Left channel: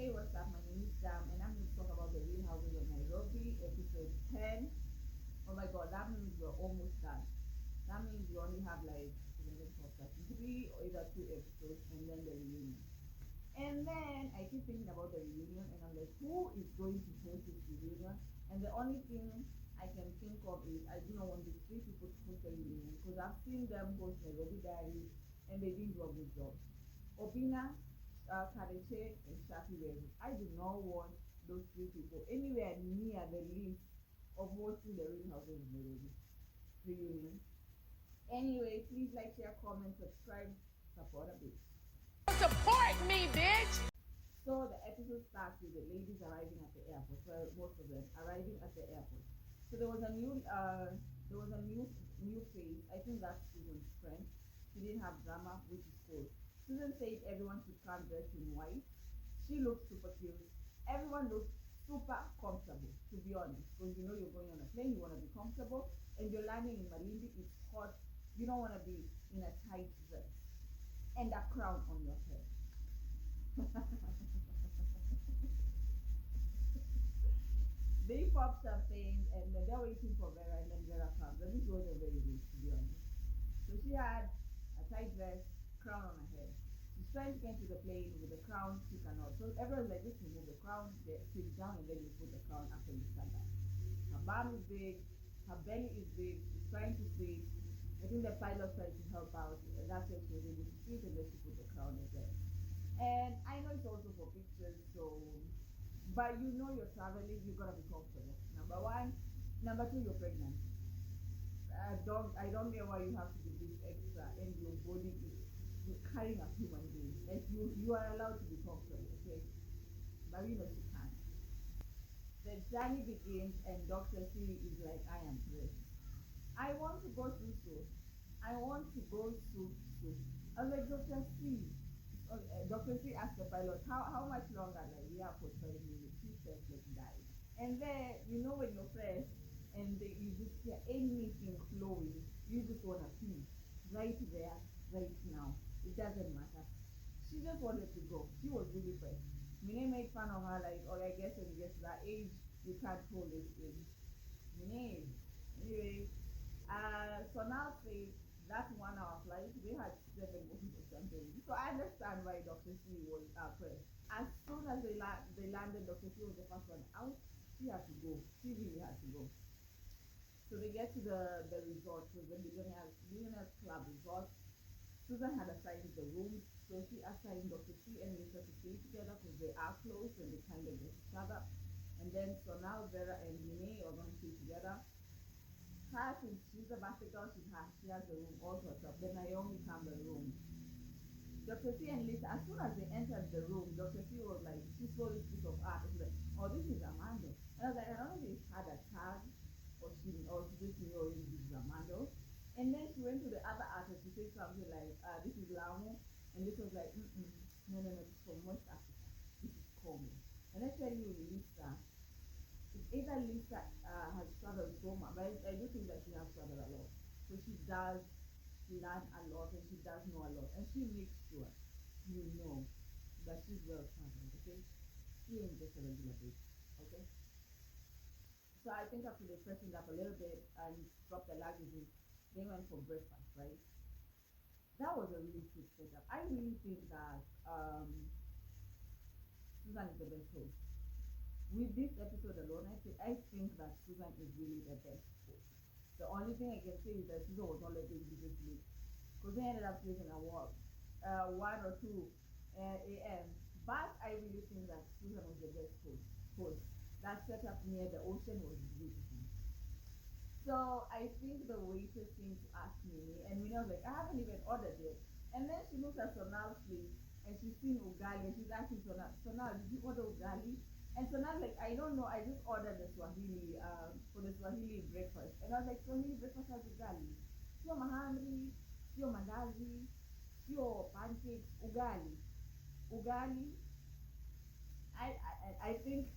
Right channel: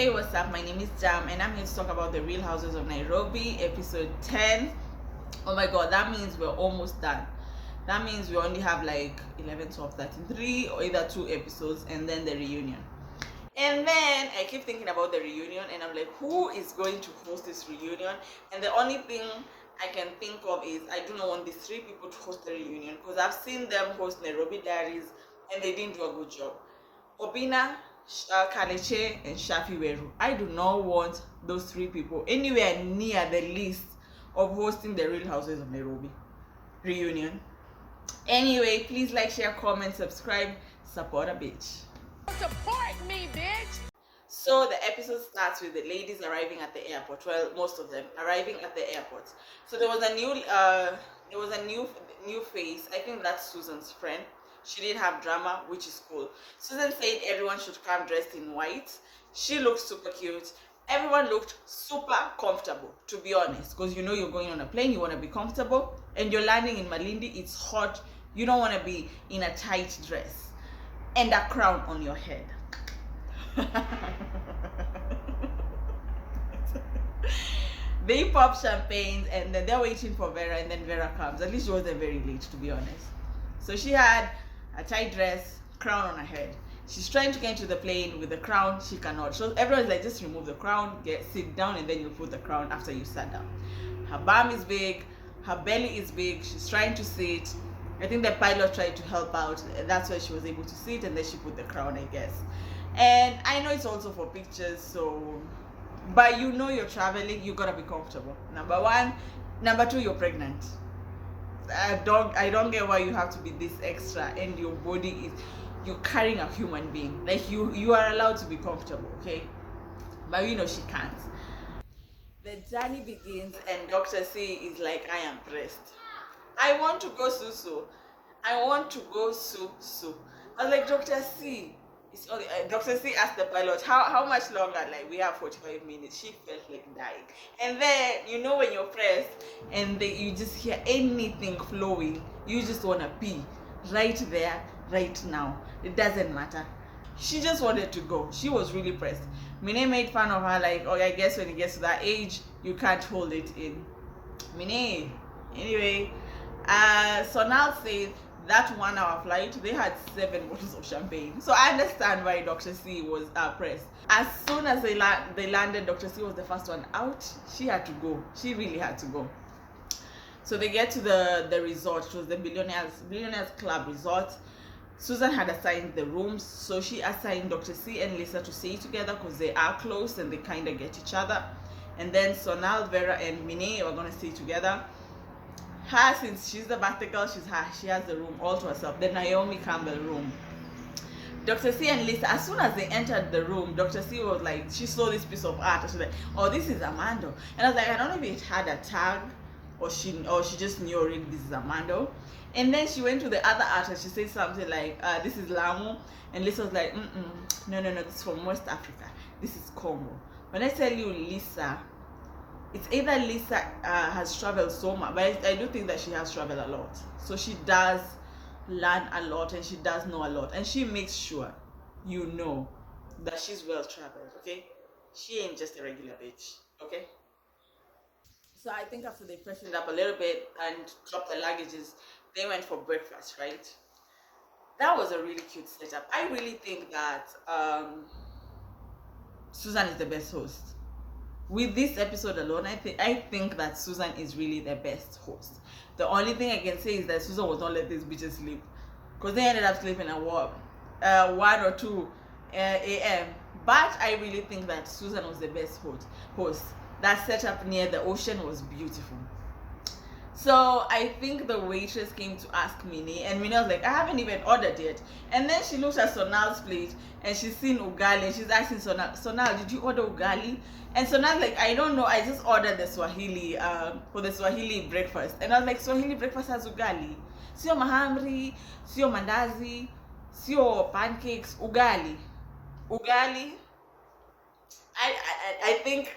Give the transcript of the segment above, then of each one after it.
Hey, what's up? My name is Jam, and I'm here to talk about the Real Houses of Nairobi, episode 10. Oh my god, that means we're almost done. That means we only have like 11, 12, 13, 3 or either 2 episodes, and then the reunion. And then I keep thinking about the reunion, and I'm like, who is going to host this reunion? And the only thing I can think of is I do not want these 3 people to host the reunion because I've seen them host Nairobi Diaries, and they didn't do a good job. Obina, Kaleche, and Shafi Weru. I do not want those 3 people anywhere near the list of hosting the Real Houses of Nairobi reunion. Anyway, please like, share, comment, subscribe, support a bitch. Support me, bitch! So the episode starts with the ladies arriving at the airport. Well, most of them arriving at the airport. So there was a new face. I think that's Susan's friend. She did have drama, which is cool. Susan said everyone should come dressed in white. She looked super cute. Everyone looked super comfortable, to be honest, because you know you're going on a plane, you want to be comfortable, and you're landing in Malindi, it's hot, you don't want to be in a tight dress and a crown on your head. They pop champagnes and then they're waiting for Vera, and then Vera comes. At least she wasn't very late, to be honest. So she had a tight dress, crown on her head. She's trying to get into the plane with the crown. She cannot. So everyone's like, just remove the crown, sit down, and then you put the crown after you sat down. Her bum is big, her belly is big. She's trying to sit. I think the pilot tried to help out. That's why she was able to sit, and then she put the crown, I guess. And I know it's also for pictures, so, but you know you're traveling, you gotta be comfortable. Number 1. Number 2, you're pregnant. I don't get why you have to be this extra, and your body is, you're carrying a human being. Like you are allowed to be comfortable, okay? But you know she can't. The journey begins, and Dr. C is like, I am pressed. I want to go Susu. I want to go Susu. I was like, Dr. C. Dr. C asked the pilot, how much longer? Like, we have 45 minutes. She felt like dying. And then, you know, when you're pressed and you just hear anything flowing, you just want to pee right there, right now. It doesn't matter. She just wanted to go. She was really pressed. Mine made fun of her, like, oh, I guess when it gets to that age, you can't hold it in. Mine. Anyway, Sonal said that 1 hour flight, they had 7 bottles of champagne. So I understand why Dr. C was pressed. As soon as they landed, Dr. C was the first one out. She had to go. She really had to go. So they get to the resort. It was the Billionaires Club resort. Susan had assigned the rooms, so she assigned Dr. C and Lisa to stay together because they are close and they kind of get each other. And then Sonal, Vera, and Mine were going to stay together. Her, since she's the birthday girl, she has the room all to herself, the Naomi Campbell room. Dr. C and Lisa, as soon as they entered the room, Dr. C was like, she saw this piece of art, and she was like, oh, this is Armando. And I was like, I don't know if it had a tag, or she just knew already this is Armando. And then she went to the other artist, she said something like, this is Lamu. And Lisa was like, no, this is from West Africa, this is Congo. When I tell you Lisa, it's either Lisa has traveled so much, but I do think that she has traveled a lot. So she does learn a lot, and she does know a lot, and she makes sure you know that she's well traveled, okay? She ain't just a regular bitch, okay? So I think after they freshened up a little bit and dropped the luggages, they went for breakfast, right? That was a really cute setup. I really think that Susan is the best host. With this episode alone, I think that Susan is really the best host. The only thing I can say is that Susan was not let these bitches sleep, because they ended up sleeping at 1 or 2 a.m. But I really think that Susan was the best host. That setup near the ocean was beautiful. So I think the waitress came to ask Mine, and Mine was like, I haven't even ordered yet. And then she looked at Sonal's plate, and she's seen ugali, and she's asking Sonal, did you order ugali? And Sonal's like, I don't know, I just ordered the Swahili, for the Swahili breakfast. And I was like, Swahili breakfast has ugali. Sio mahamri, sio mandazi, sio pancakes, ugali. Ugali. I think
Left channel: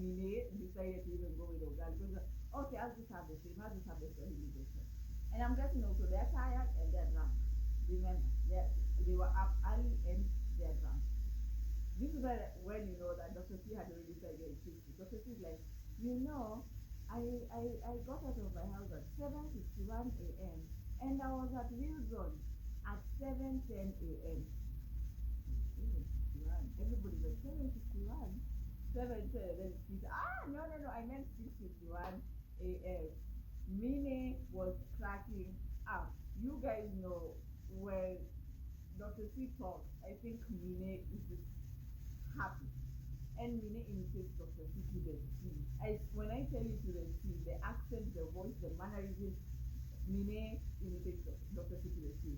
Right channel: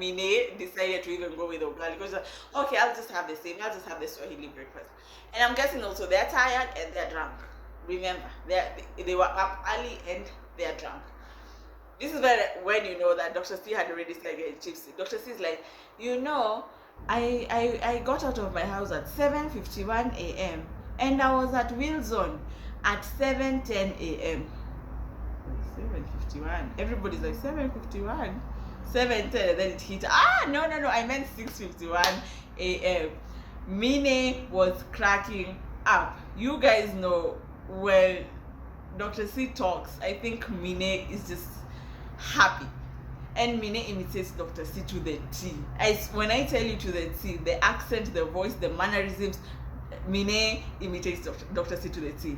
Mine decided to even go with ugali because okay, I'll just have the same. I'll just have the Swahili breakfast. And I'm guessing also they're tired and they're drunk. Remember, they were up early and they're drunk. This is when you know that Dr. C had already started getting tipsy. Dr. C is like, I got out of my house at 7:51 a.m. and I was at Wilson at 7:10 a.m. 7:51. Everybody's like 7:51, 7:10, and then it hit. No, I meant 6:51 a.m. Mine was cracking up. You guys know when Dr. C talks, I think Mine is just happy. And Mine imitates Dr. C to the T. When I tell you to the T, the accent, the voice, the mannerisms, Mine imitates Dr. C to the T.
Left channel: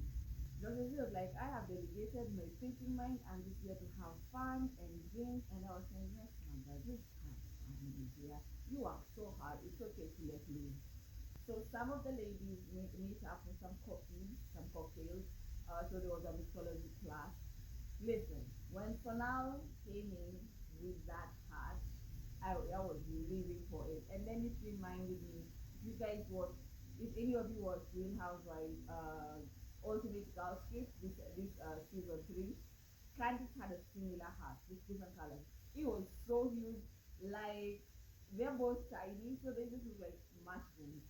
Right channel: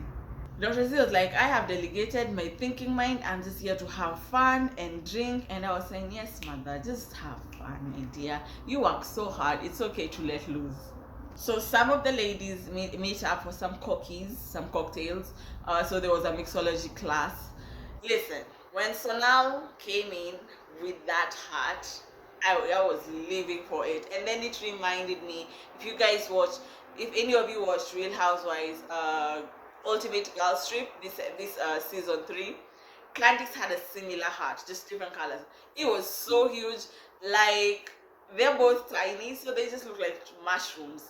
Dr. C was like, I have delegated my thinking mind. I'm just here to have fun and drink. And I was saying, yes, mother, just have fun, my dear. You work so hard. It's okay to let loose. So some of the ladies meet up for some cookies, some cocktails. So there was a mixology class. Listen, when Sonal came in with that hat, I was living for it. And then it reminded me, if any of you watched Real Housewives, Ultimate Girl Trip, this season 3, Clandix had a similar hat, just different colors. It was so huge, like they're both tiny, so they just look like mushrooms.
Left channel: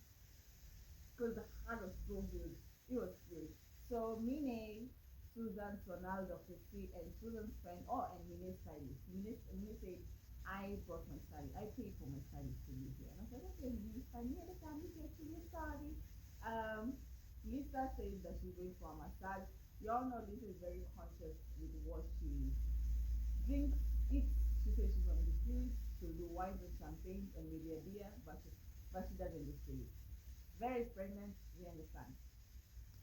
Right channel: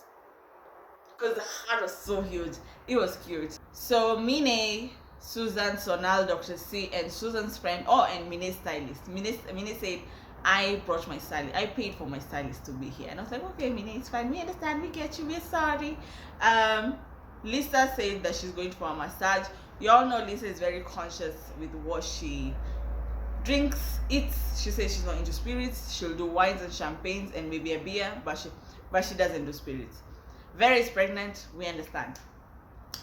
Because the hat was so huge, it was cute. So Mine, Susan, Sonal, Dr. C, and Susan's friend, and Mine's stylist. Mine said, I brought my stylist. I paid for my stylist to be here, and I was like, okay, Mine, it's fine. We understand. We get you. We're sorry. Lisa said that she's going for a massage. You all know Lisa is very conscious with what she drinks, eats. She says she's not into spirits. She'll do wines and champagnes and maybe a beer, but she doesn't do spirits. Vera is pregnant. We understand.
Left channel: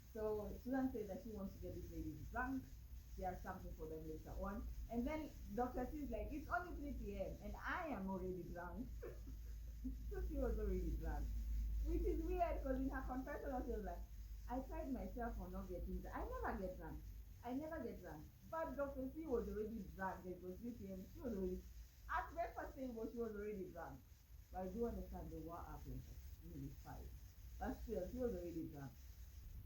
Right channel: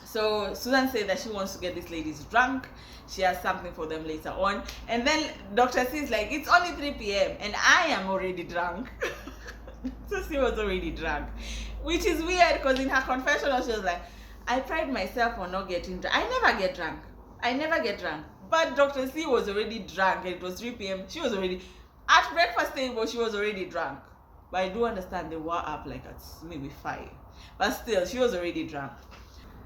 So Susan said that she wants to get these ladies drunk. She has something for them later on. And then Dr. C is like, it's only 3 p.m. and I am already drunk. So she was already drunk. Which is weird because in her confessional she was like, I pride myself on not getting drunk. I never get drunk. But Dr. C was already drunk and it was 3 p.m. She was already at breakfast table, she was already drunk. But I do understand they were up like at maybe 5. But still, she was already drunk.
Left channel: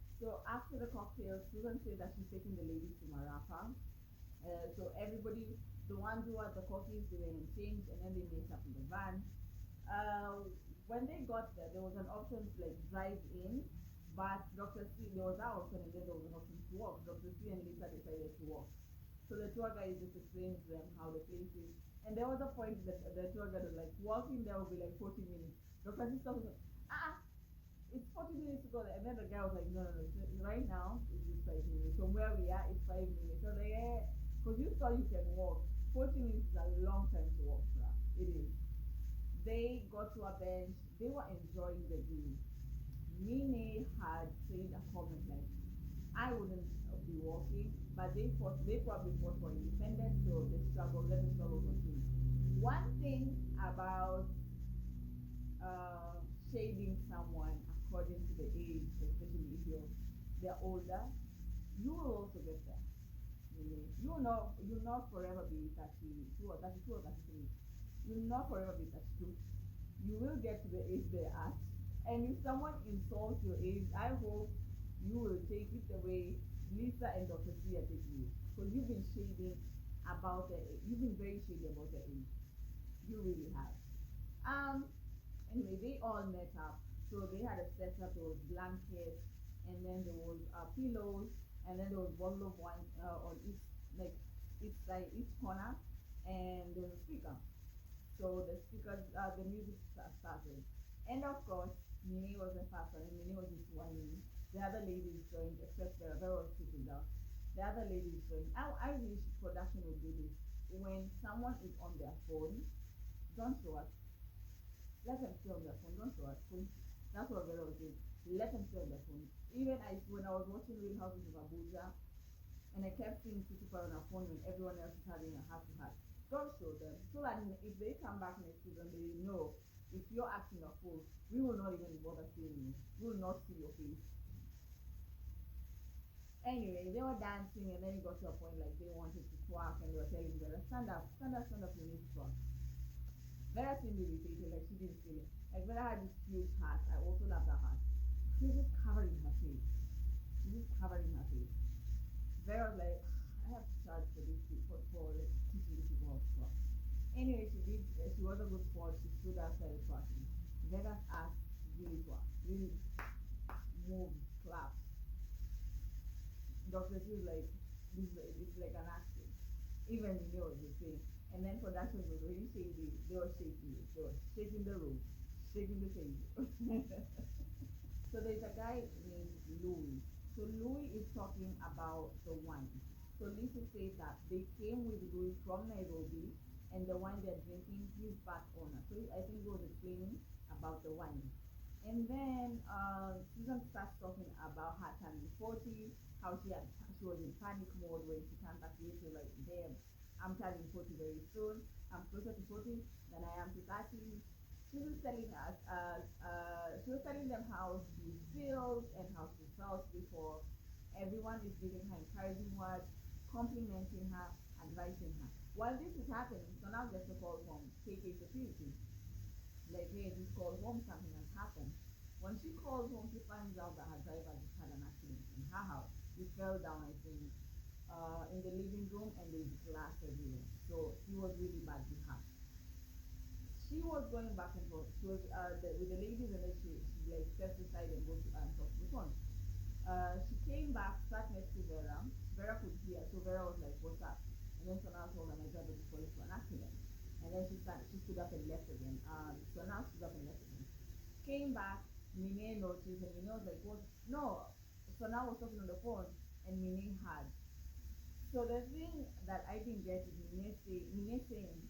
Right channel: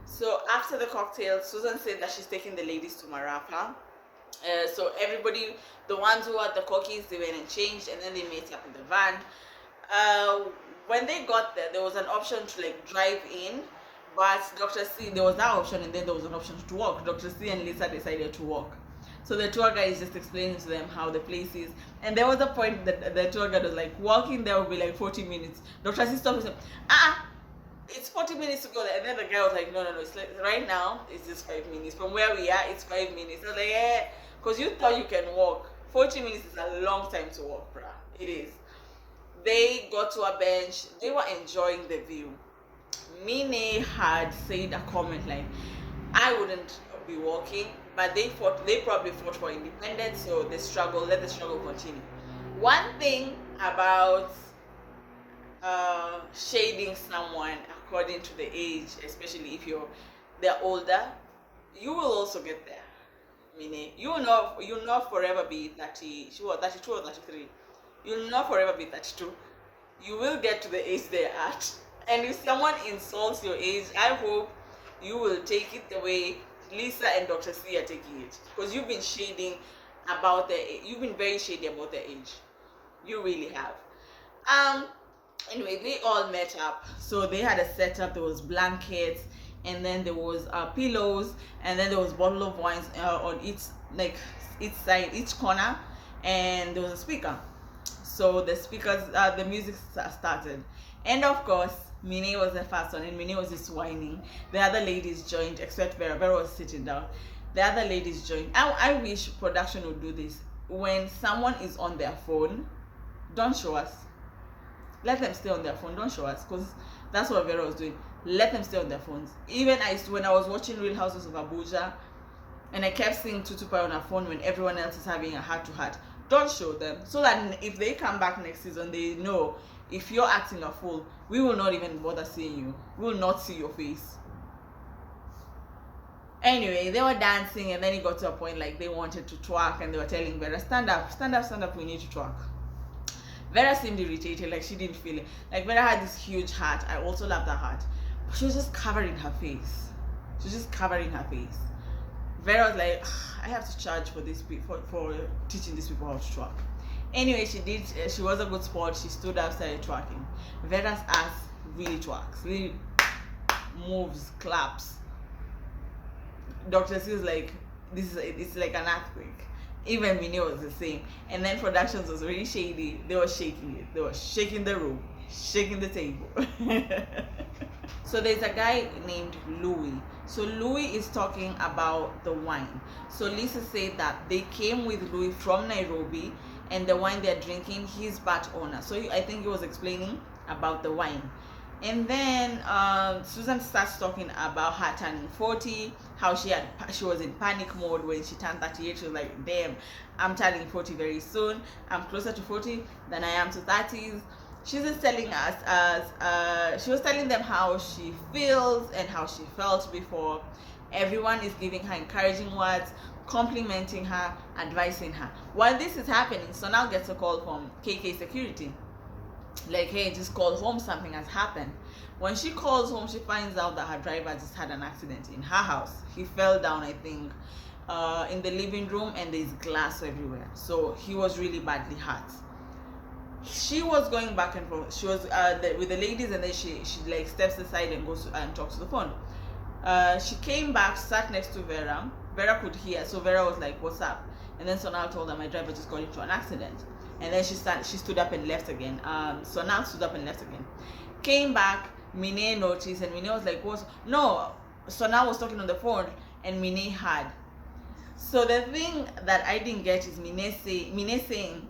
So after the cocktail, Susan said that she's taking the ladies to Marapa. So everybody, the ones who had the cookies, they went and changed, and then they met up in the van. When they got there, there was an option to like drive in, but Dr. C, there was that option, and then there was an option to walk. Dr. C and Lisa decided to walk. So the tour guide is just explaining to them how the place is. And there was a point that the tour guide was like, walking there will be like 40 minutes. Dr. C stopped and said, it's 40 minutes to go there. And then the guy was like, no, it's like, right now, it's just 5 minutes. From where we are, it's 5 minutes. I was like, yeah, because you thought you can walk. 40 minutes is a long time to walk, bruh. It is. They got to a bench. They were enjoying the view. Mine had said a comment like, I wouldn't be walking, but they probably fought for independence, so let the struggle continue. One thing about shading someone according to the age, especially if they're older, you will also get there. Meaning, you'll not forever be 30. She was 32 or 33. You'll not forever be 32. You will get to the age they're at. And if someone insults your age, I hope you will take it the way Lisa and Dr. C are taking it. Because you've been shading about their age. You've been very shady about their age. You really have. Anyway, they all met up. So they had a setup. There was blankets, and then there was pillows, and then there was bottle of wines on each side, each corner, and there was a speaker. So the speakers, the music started, and of course, Mine was the first one, and Mine was just whining. The other ladies joined, except Vera. Vera was sitting down. The other ladies joined. I wish production would do this. When someone is on their phone, don't show us. Let them stay on their phone. Don't show us, because that's what Vera was doing. Let them stay on their phones. Even when I was watching Real Houses of Abuja, and I kept seeing Tutupa on her phone when everyone else is having a heart-to-heart. Don't show them, so that if they come back next season, they know if you're acting a fool, we will not even bother seeing you. We will not see your face. Anyway, they were dancing, and then it got to a point like they wanted to twerk, and they were telling Vera, stand up, we need to twerk. Vera seemed irritated, like she didn't feel it. Like Vera had this huge hat. I also love that hat. But she was just covering her face. Vera was like, I have to charge for this for teaching these people how to twerk. Anyway, she did. She was a good sport. She stood up, started twerking. Vera's ass really twerks, really moves, claps. Dr. C was like, it's like an earthquake. Even Minnie was the same. And then productions was really shady. They were shaking it. They were shaking the room, shaking the table. So there's a guy named Louis. So Louis is talking about the wine. So Lisa said that they came with Louis from Nairobi, and the wine they're drinking, he's part owner. So I think he was explaining about the wine. And then Susan starts talking about her turning 40, how she was in panic mode when she turned 38. She was like, damn, I'm turning 40 very soon. I'm closer to 40 than I am to 30s. She's just telling us, she was telling them how she feels and how she felt before. Everyone is giving her encouraging words, complimenting her, advising her. While this is happening, Sonal gets a call from KK Security. Like, hey, just call home, something has happened. When she calls home, she finds out that her driver just had an accident in her house. He fell down, I think, in the living room, and there's glass everywhere. So he was really badly hurt. She was going back and forth. She was with the ladies, and then she like steps aside and goes and talks to the phone. She came back, sat next to Vera. Vera could hear, so Vera was like, what's up? And then Sonal told her, my driver just got into an accident. And then she stood up and left again. Sonal stood up and left again. Came back, Mine noticed, and Mine was like, what? No, Sonal was talking on the phone, and Mine heard. So the thing that I didn't get is Mine saying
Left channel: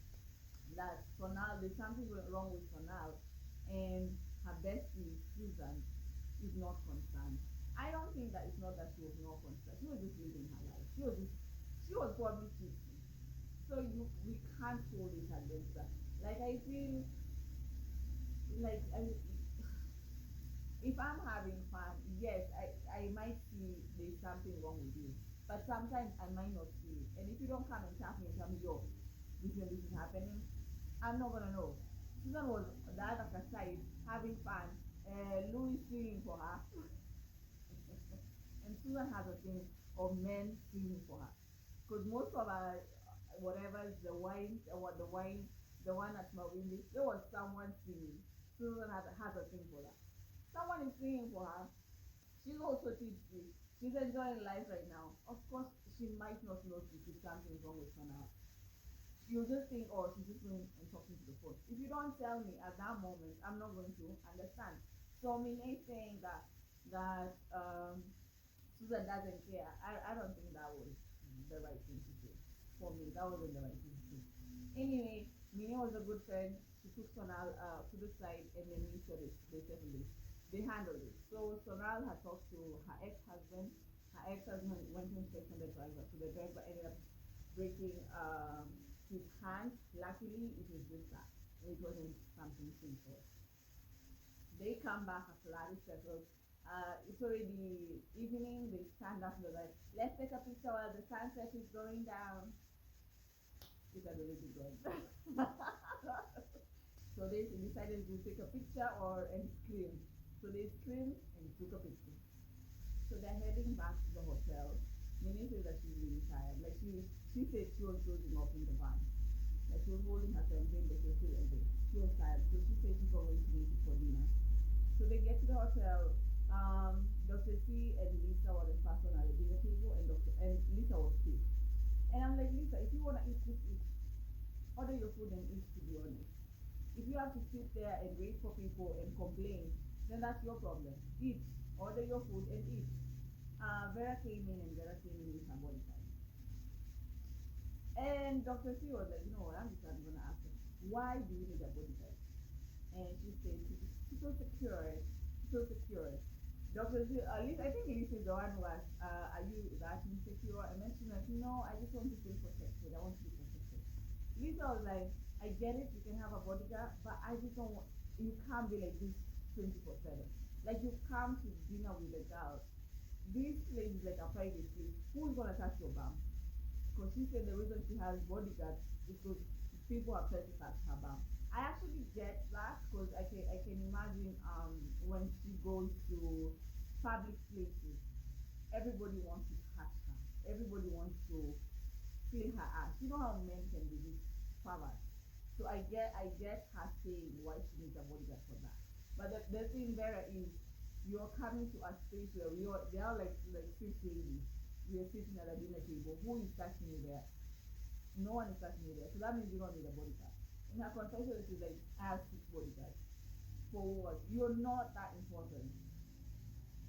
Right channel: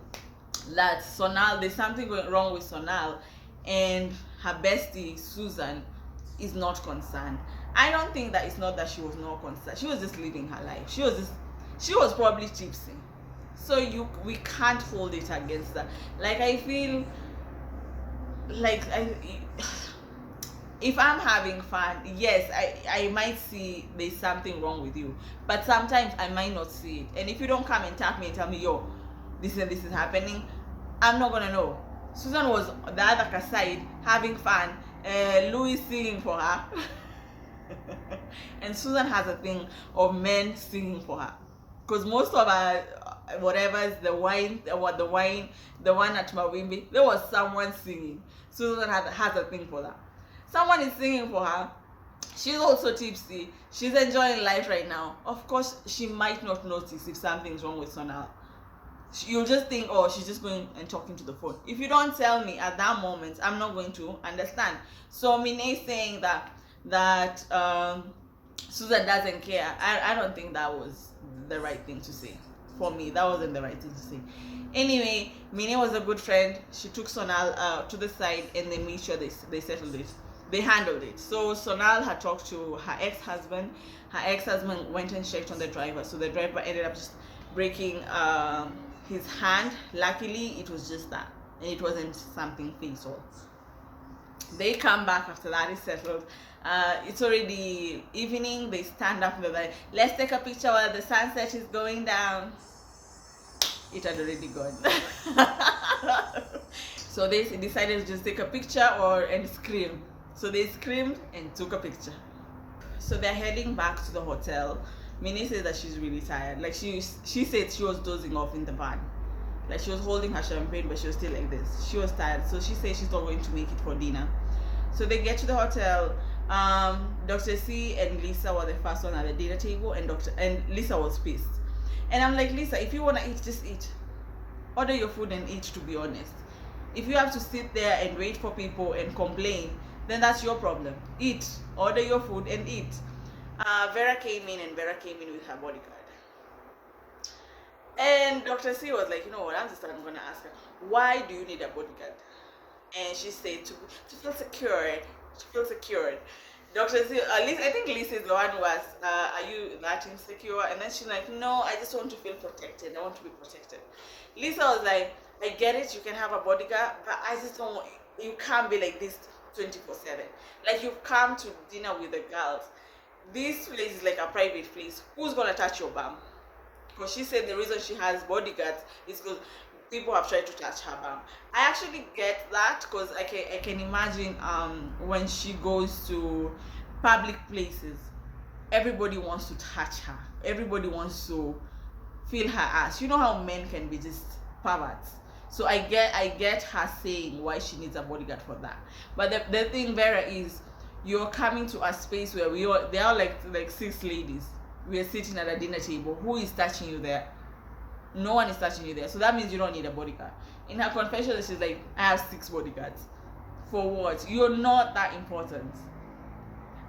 that Sonal, there's something going wrong with Sonal, and her bestie Susan is not concerned. I don't think that it's not that she was not concerned. She was just living her life. She was probably tipsy. So we can't hold it against that. Like, I feel like if I'm having fun, yes, I might see there's something wrong with you, but sometimes I might not see it. And if you don't come and tap me and tell me, yo, this and this is happening, I'm not gonna know. Susan was the other side having fun, Louis singing for her. And Susan has a thing of men singing for her, because most of her whatever's the one at Mawimbi, there was someone singing. Susan has a thing for that. Someone is singing for her. She's also tipsy. She's enjoying life right now. Of course, she might not notice if something's wrong with Sonal. You'll just think, oh, she's just going and talking to the phone. If you don't tell me at that moment, I'm not going to understand. So Mine is saying that Susan doesn't care. I don't think that was the right thing to say. For me, that wasn't the right thing to say. Anyway, Mine was a good friend. She took Sonal to the side, and they made sure they settled it. They handled it. So Sonal had talked to her ex-husband. Her ex-husband went and checked on the driver. So the driver ended up just breaking his hand. Luckily, it was just that, and it wasn't something fatal. They come back after that is settled. It's already evening. They stand up and they're like, let's take a picture while the sunset is going down. It had already gone. So they decided to just take a picture and scream. So they screamed and took a picture. So they're heading back to the hotel. Minnie says that she's really tired. Like she said she was dozing off in the van. Like she was holding her champagne, but she was still like this. She was tired. So she said she's not going to make it for dinner. So they get to the hotel. Dr. C and Lisa were the first one at the dinner table, and Lisa was pissed. And I'm like, Lisa, if you want to eat, just eat. Order your food and eat, to be honest. If you have to sit there and wait for people and complain, then that's your problem. Eat. Order your food and eat. Vera came in with her bodyguard. And Dr. C was like, you know what, I'm going to ask her, why do you need a bodyguard? And she said, to feel secure. To feel secured. Dr. C, at least I think Lisa is the one who asked, are you that insecure? And then she's like, no, I just want to feel protected. I want to be protected. Lisa was like, I get it, you can have a bodyguard, but I just don't want, you can't be like this 24/7. Like, you've come to dinner with the girls. This place is like a private place. Who's gonna touch your bum? Because she said the reason she has bodyguards is because people have tried to touch her bum. I actually get that, because I can imagine when she goes to public places, everybody wants to touch her. Everybody wants to feel her ass. You know how men can be just perverts. So I get her saying why she needs a bodyguard for that. But the thing, Vera, is you're coming to a space where there are like 6 ladies. We are sitting at a dinner table. Who is touching you there? No one is touching you there. So that means you don't need a bodyguard. In her confession, she's like, I have 6 bodyguards. For what? You're not that important.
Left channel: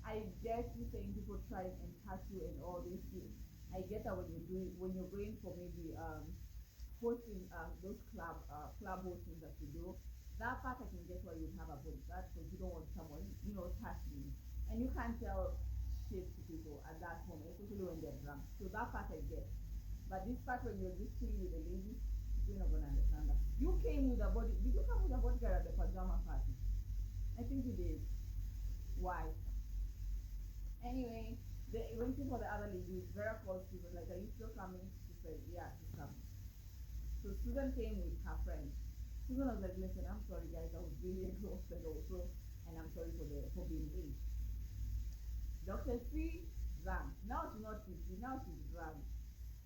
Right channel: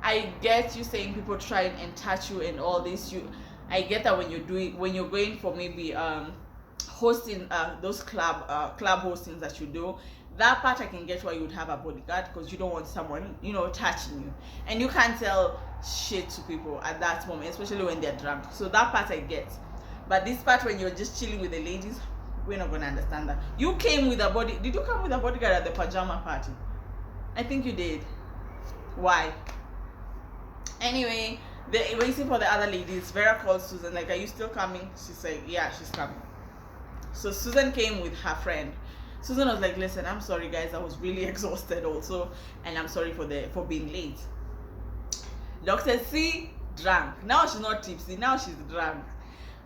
I get you saying people try and touch you and all this. I get that when you're going for maybe hosting those club hostings that you do. That part I can get why you would have a bodyguard, because you don't want someone touching you, and you can't tell shit to people at that moment, especially when they're drunk. So that part I get. But this part, when you're just chilling with the ladies, we're not gonna understand that. You came with a did you come with a bodyguard at the pajama party? I think you did. Why? Anyway, they're waiting for the other ladies. Vera called Susan, like, are you still coming? She said, yeah, she's coming. So Susan came with her friend. Susan was like, listen, I'm sorry guys, I was really exhausted also, and I'm sorry for being late. Dr. C drank. Now she's not tipsy, now she's drunk.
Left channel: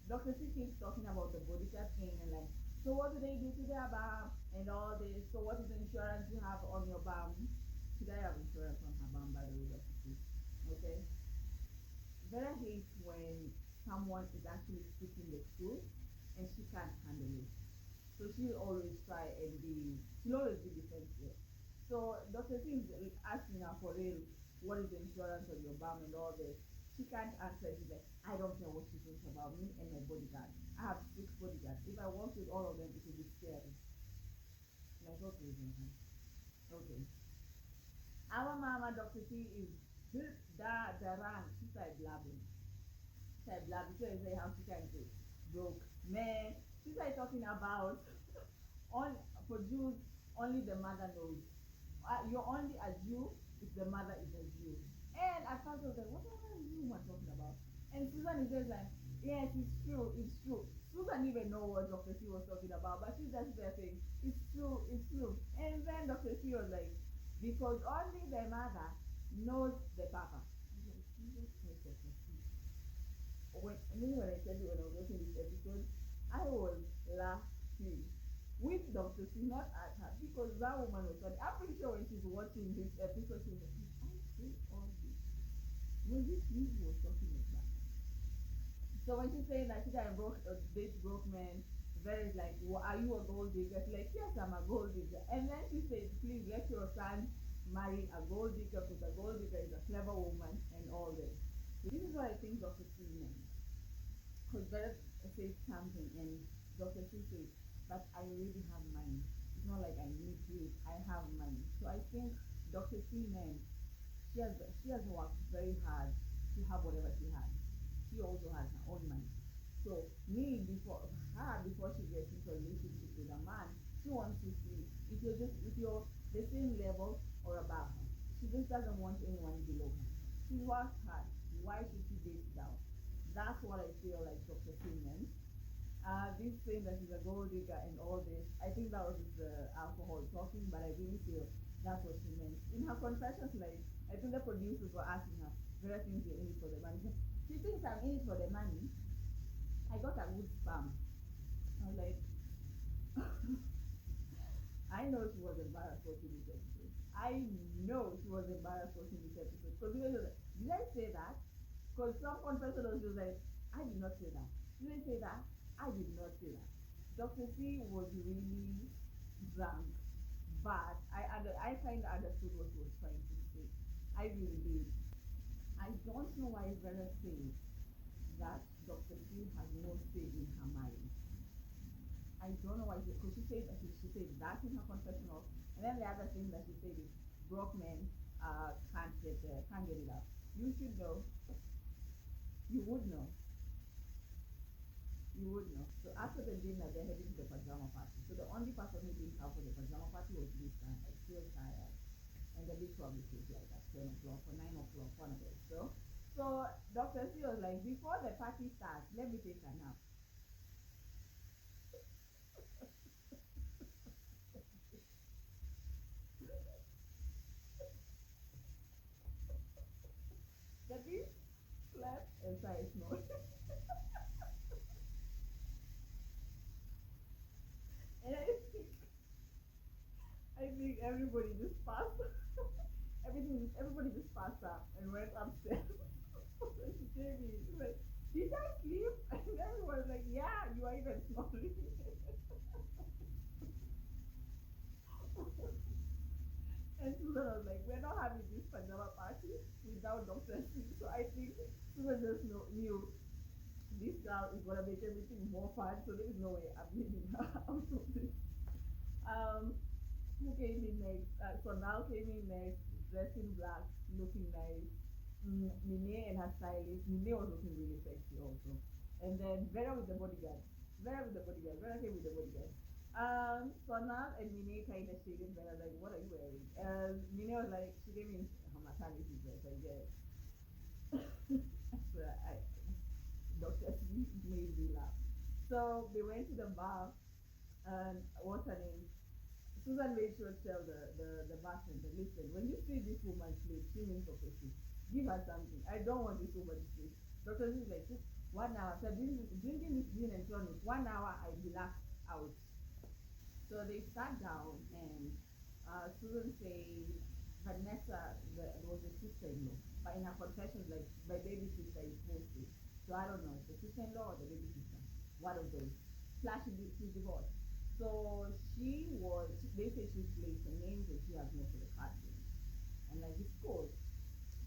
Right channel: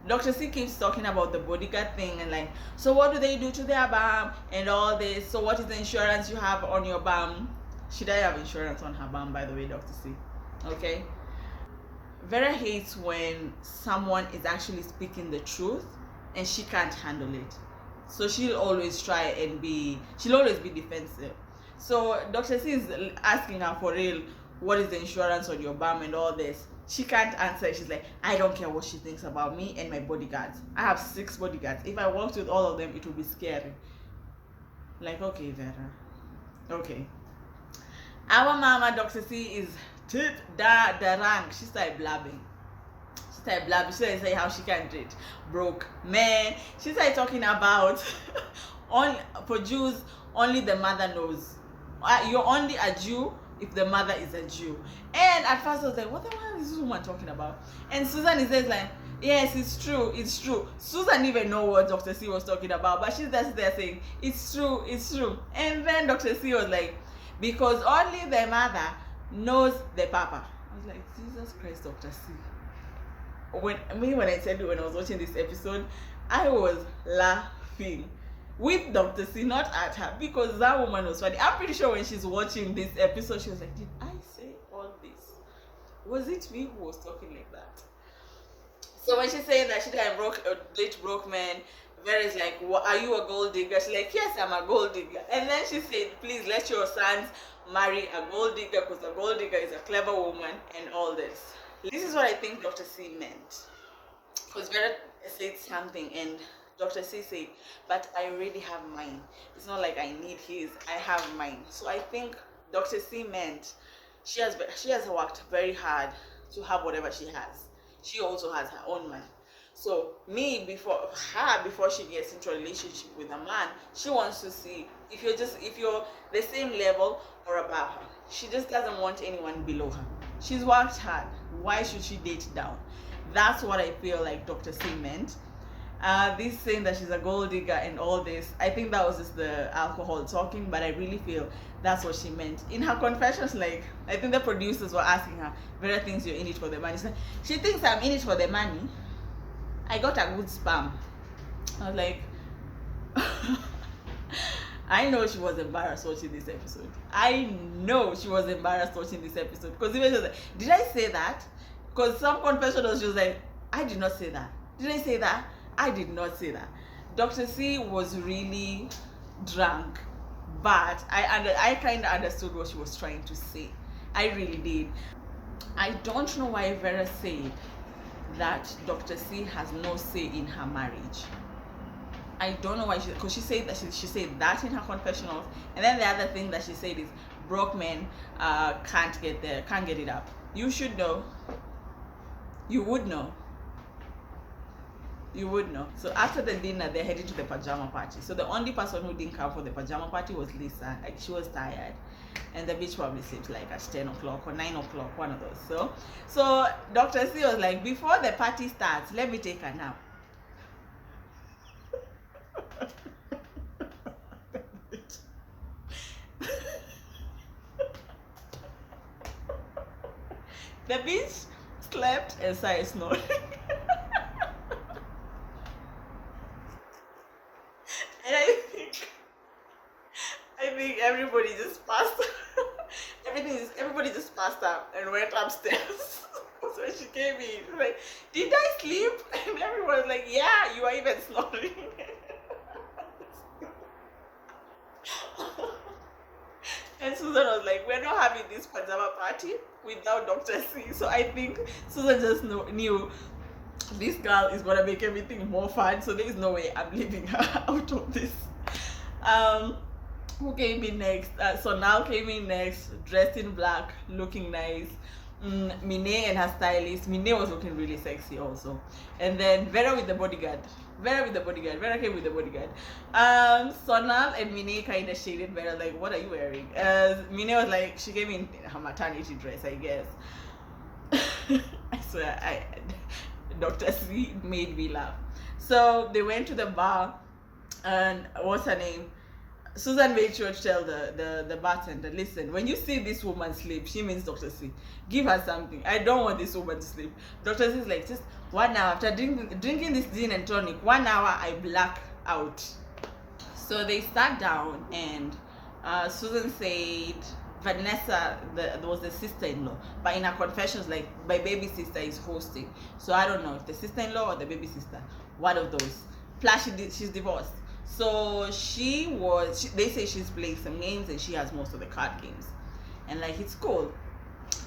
Dr. C keeps talking about the bodyguard thing and like, so what do they do to their bum and all this? So what is the insurance you have on your bum? Should I have insurance on her bum, by the way, Dr. C? Okay. Vera hates when someone is actually speaking the truth and she can't handle it. So she'll always be defensive. So Dr. C is asking her for real, what is the insurance on your bum and all this? She can't answer. She's like, I don't care what she thinks about me and my bodyguards. I have 6 bodyguards. If I worked with all of them, it would be scary. Like, okay, Vera. Okay. Our mama, Dr. C, is the rank. She started blabbing. She started saying how she can't date broke men. She started talking about for Jews, only the mother knows. You're only a Jew if the mother is a Jew. And at first I was like, what the hell is this woman talking about? And Susan is just like, yes, it's true. Susan didn't even know what Dr. C was talking about, but she's just there saying, it's true. And then Dr. C was like, because only the mother knows the papa. I was like, Jesus Christ, Dr. C. When I said it when I was watching this episode, I was laughing with Dr. C, not at her, because that woman was funny. I'm pretty sure when she's watching this episode, she was like, did I say all this? Was it me who was talking like that? So when she's saying that she got late broke man, Vera's like, are you a gold digger? She's like, yes, I'm a gold digger. And then she said, please let your sons marry a gold digger, because a gold digger is a clever woman and all this. This is what I think Dr. C meant. Because Vera said something and Dr. C said, but I already have mine. It's not like I need his, I have mine. So I think Dr. C meant she has worked very hard to have whatever she has. She also has her own money. So before she gets into a relationship with a man, she wants to see if you're the same level or above her. She just doesn't want anyone below her. She's worked hard. Why should she date down? That's what I feel like Dr. C meant. This saying that she's a gold digger and all this, I think that was just the alcohol talking, but I really feel that's what she meant. In her confessions, like, I think the producers were asking her, Vera thinks you're in it for the money. She thinks I'm in it for the money. I got a good spam. I was like, I know she was embarrassed watching this episode. I know she was embarrassed watching this episode. Because even she was like, did I say that? Because some confession was just like, I did not say that. Did I say that? I did not say that. Dr. C was really drunk, but I kind of understood what she was trying to say. I really did. I don't know why Vera said that Dr. C has no say in her marriage. I don't know why because she said that she said that in her confessionals, and then the other thing that she said is broke men can't get it up. You should know. You would know. You would know. So after the dinner, they're heading to the pajama party. So the only person who didn't come for the pajama party was Lisa. Like, she was tired, and the bitch probably slept like at 10 o'clock or 9 o'clock, one of those. So Dr. C was like, before the party starts, let me take a nap. The bitch slept and started snoring. And I think everybody just passed. Everybody just passed out and went upstairs. So she came in, like, did I sleep? And everyone was like, yeah, you are even snoring. And Susan was like, we're not having this pajama party without Dr. C. So I think Susan just knew this girl is gonna make everything more fun. So there is no way I'm leaving her out of this. Who came in next? So now came in next, dressed in black, looking nice. Mine and her stylist. Mine was looking really sexy also. And then Vera with the bodyguard. Vera came with the bodyguard. Sonal and Mine kind of shaded Vera, like, what are you wearing? Mine was like, she came in her maternity dress, I guess. I swear, Dr. C made me laugh. So they went to the bar, and what's her name? Susan made sure to tell the bartender, listen, when you see this woman sleep, she means Dr. C. Give her something. I don't want this woman to sleep. Dr. C is like, just 1 hour after drinking this gin and tonic, 1 hour I black out. So they sat down, and Susan said Vanessa was the sister-in-law, but in her confessions, like, my baby sister is hosting. So I don't know if the sister-in-law or the baby sister, one of those. Plus she's divorced. So they say she's playing some games and she has most of the card games. And like, it's cool.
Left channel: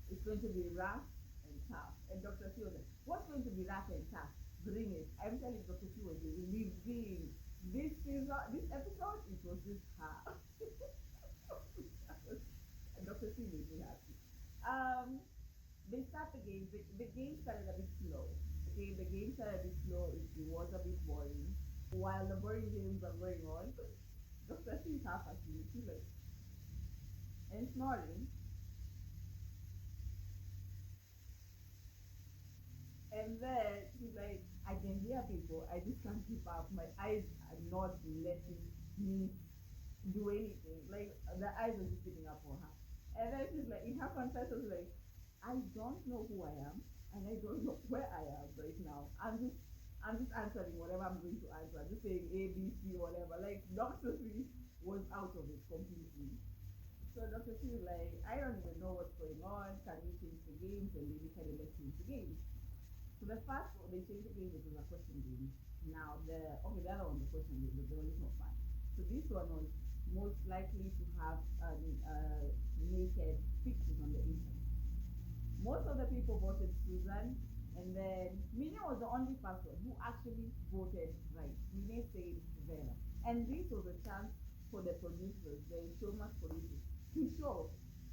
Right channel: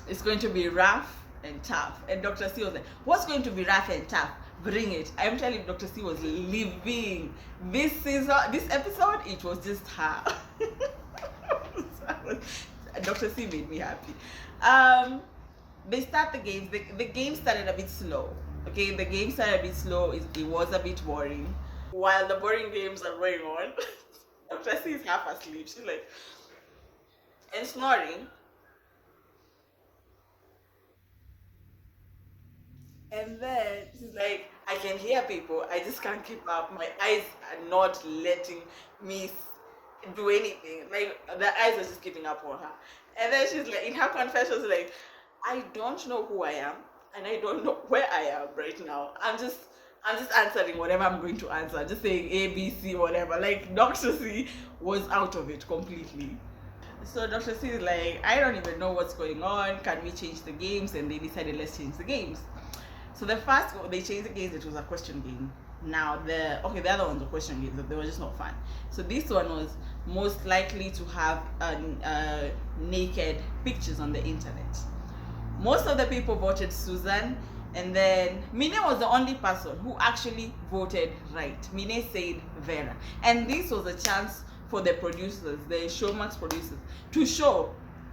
It's going to be rough and tough. And Dr. C was like, what's going to be rough and tough? Bring it. I'm telling you, Dr. C was living. This episode, it was just her. Dr. C made me happy. They start the games. The game started a bit slow. Okay, the game started a bit slow. It was a bit boring. While the boring games are going on, Dr. C is half asleep. She's like, and snoring. And then she's like, I can hear people. I just can't keep up. My eyes are not letting me do anything. Like, the eyes are just keeping up on her. And then she's like, in her confession, she's like, I don't know who I am, and I don't know where I am right now. I'm just answering whatever I'm going to answer. Just saying A, B, C, whatever. Like, Dr. C was out of it completely. So Dr. C is like, I don't even know what's going on. Can we change the games? And they decided, let's change the games. So the first, they changed the games. It was a question game. Now the other ones were question games. They were just not fun. So this one was most likely to have naked pictures on the internet. Most of the people voted Susan. And then Mine was the only person who actually voted right. Mine said Vera. And this was a chance for the producers, the Showmax producers, to show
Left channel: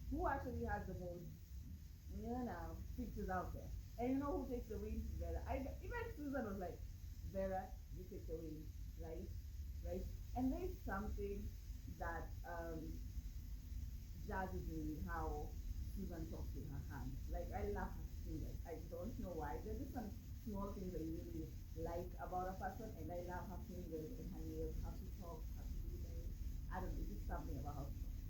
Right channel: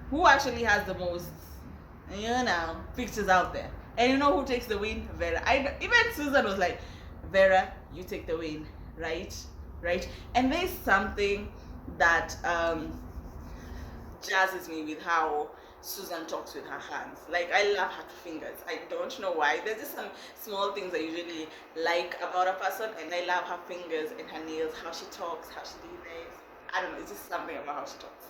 who actually has the most, pictures out there. And you know who takes the win? Vera. Even Susan was like, Vera, you take the win, right? And there's something that jazzes me with how Susan talks with her hands. Like, I love her fingers. I don't know why. There's just some small things I usually like about a person, and I love her fingers and her nails, how she talks, how she does it. I don't know, it's just something about how she talks.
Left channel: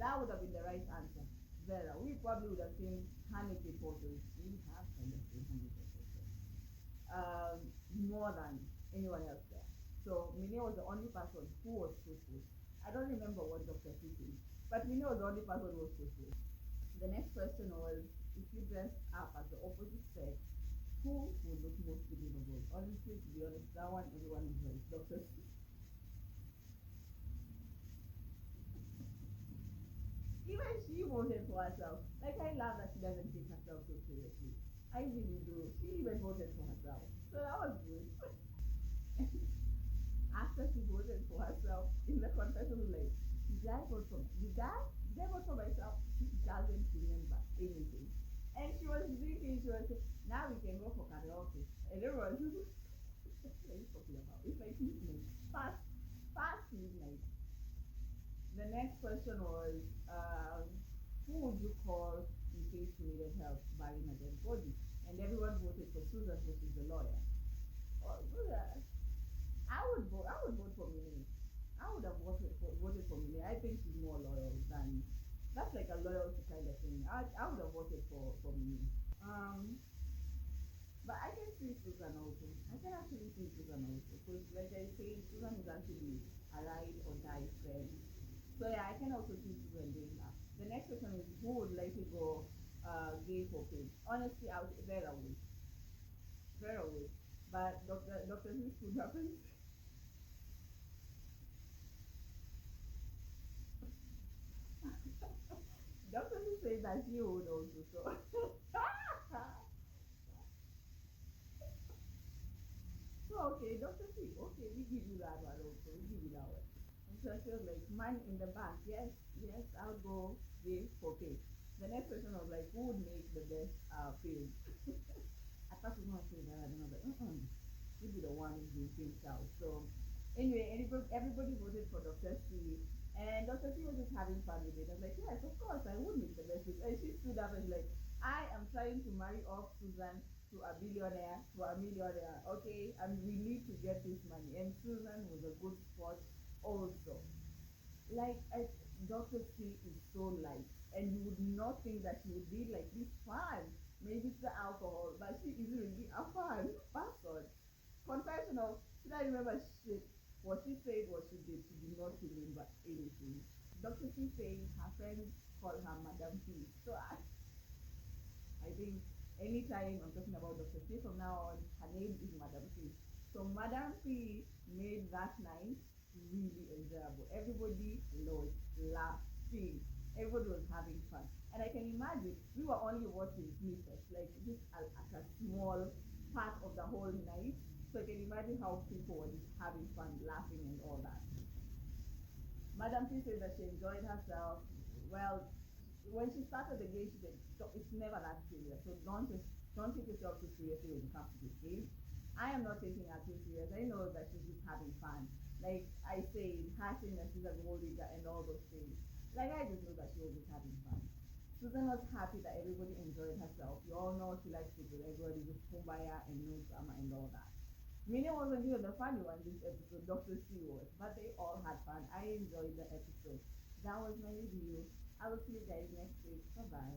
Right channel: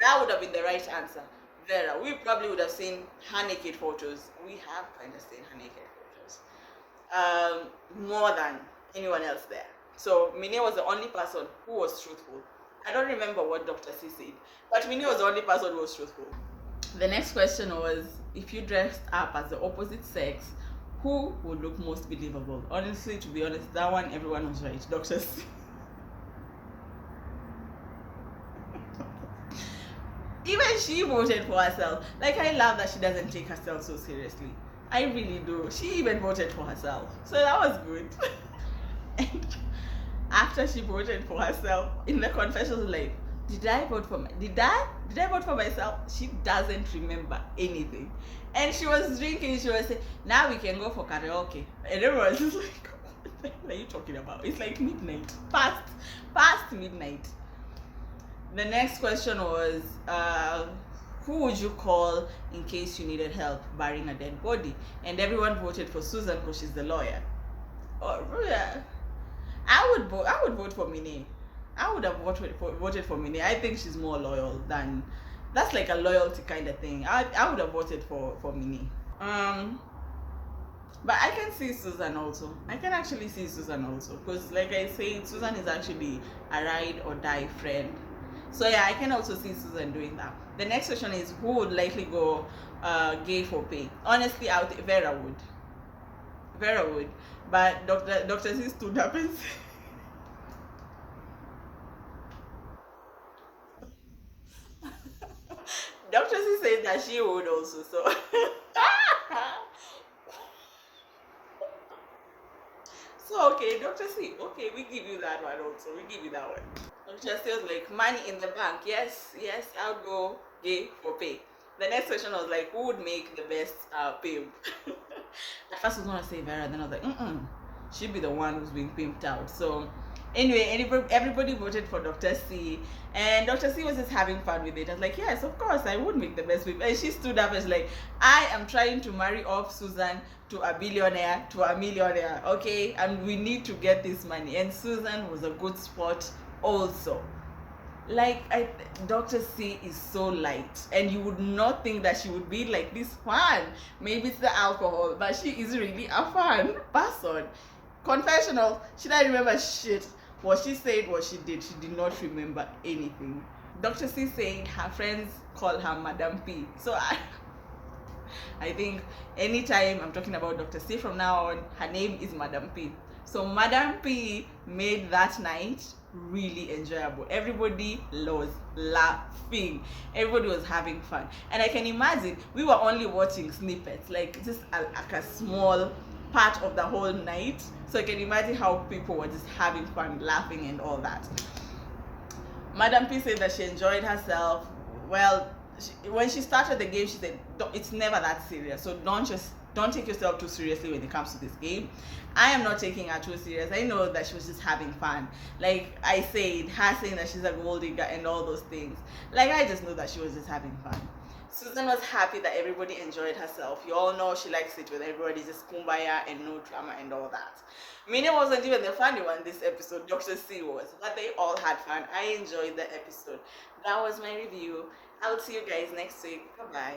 That would have been the right answer. Vera. We probably would have seen her naked photos. We have kind of seen her naked photos. More than anyone else there. So Mine was the only person who was truthful. I don't remember what Dr. C said, but Mine was the only person who was truthful. The next question was, if you dressed up as the opposite sex, who would look most believable? Honestly, to be honest, that one, everyone was right. Dr. C. Even she voted for herself. Like, I love that she doesn't take herself so seriously. I really do. She even voted for herself. So that was good. And after she voted for herself, in the confessions, like, did I vote for myself? She doesn't remember anything. And she was drinking, she was saying, now we can go for karaoke. And everyone was just like, what the hell are you talking about? It's like midnight. Past midnight. The next question was, who would you call in case you needed help burying a dead body? And everyone voted for Susan because she's the lawyer. Oh, yeah. I would vote for Mine. I would have voted for Mine. I think she's more loyal than, that's like a loyalty kind of thing. I would have voted for Mine. Um, but I can see Susan also. I can actually see Susan also because, like I said, Susan is actually a ride or die friend. So yeah, I can also see Susan doing that. The next question is who would likely go gay for pay? Honestly, Vera would. Vera would. But Dr. C stood up and said, Dr. C said that she would also. So so okay, Dr. C, okay, we give you that one also. We give you that one. Dr. C was like, money in the bank. Yes, yes, I'll go gay for pay. The next question was like, who would make the best pimp? At first I was gonna say Vera, then I was like, she'd be the one who's being pimped out. So anyway, everybody voted for Dr. C, and Dr. C was just having fun with it. I was like, yes, of course, I would make the best pimp. And she stood up and was like, I am trying to marry off Susan to a billionaire, to a millionaire, okay? And we need to get this money. And Susan was a good sport also. Like Dr. C is so light, and you would not think that she would be like this fun. Maybe it's the alcohol, but she is really a fun person. Confessional, she doesn't remember shit. What she said, what she did, she did not remember anything. Dr. C said her friends call her Madam P. So I think anytime I'm talking about Dr. C from now on, her name is Madam P. So Madam P made that night really enjoyable. Everybody was laughing. Everybody was having fun. And I can imagine we were only watching snippets, like just like a small part of the whole night. So I can imagine how people were just having fun, laughing and all that. Madam P said that she enjoyed herself. Well, when she started the game, she said it's never that serious. So don't take yourself too seriously when it comes to this game. I am not taking her too serious. I know that she was just having fun. Like I said, her saying that she's a gold digger and all those things. Like I just know that she was just having fun. Susan was happy that everybody enjoyed herself. You all know she likes it when everybody just kumbaya and no drama and all that. Mina wasn't even the funny one this episode. Dr. C was. But they all had fun. I enjoyed the episode. That was my review. I'll see you guys next week. Bye bye.